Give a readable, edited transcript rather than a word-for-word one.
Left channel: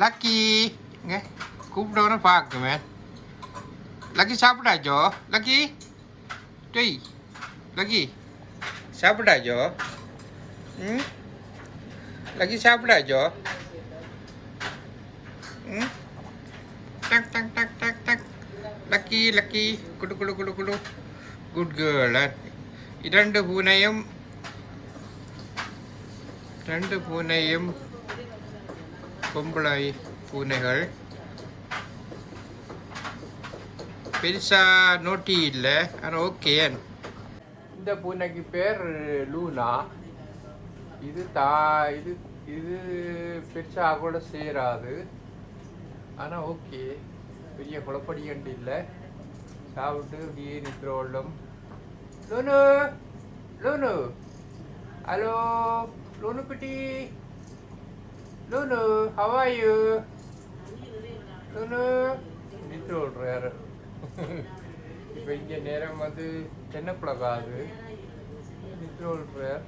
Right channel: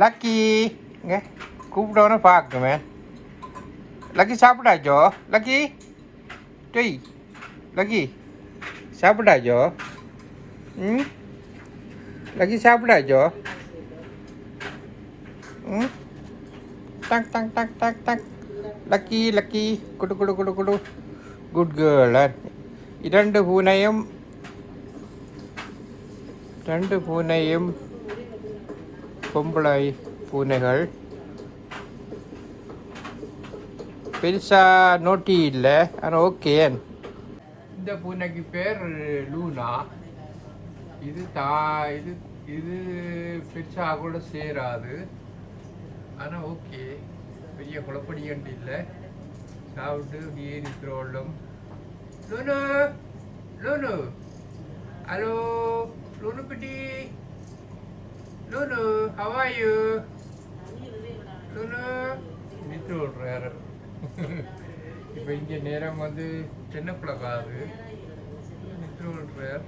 Lucky இங்கே கூப்பிட்டவன பார்க்குமே. Lucky சாப்பிட்டாச்சோ? Lucky டெய் lucky சாப்பிட்டாச்சோ? ம் லக்கி சாப்பிட்டாச்சோ? ம் டக் டக் டக் டக் டக். லக்கி லக்கி குடு குடு குடு குடு. Good girl. இரண்டு பூனையும் பொம்பளை பூனைகள். பெருசா நோட்டி இல்லை, ஆனால் ஓகே. இந்த பூனைக்கு பேர் லூனா. இது இது இது பெருசாக கூட சேராது, ஆனால் ஓகே. பெரிய குழப்படியண்டு இல்லை. சாப்பிட்டு அப்படியே நிற்கிறோம். லூனு லூனு ஹலோ லூனு குட்டி. லூனு ஹவ் ஆர் யூ? லூனு நிற்று விட்றாரு. இப்போ இங்கே நேரம் வந்து 10 o'clock ஆகுது. நிற்று விட்றார்.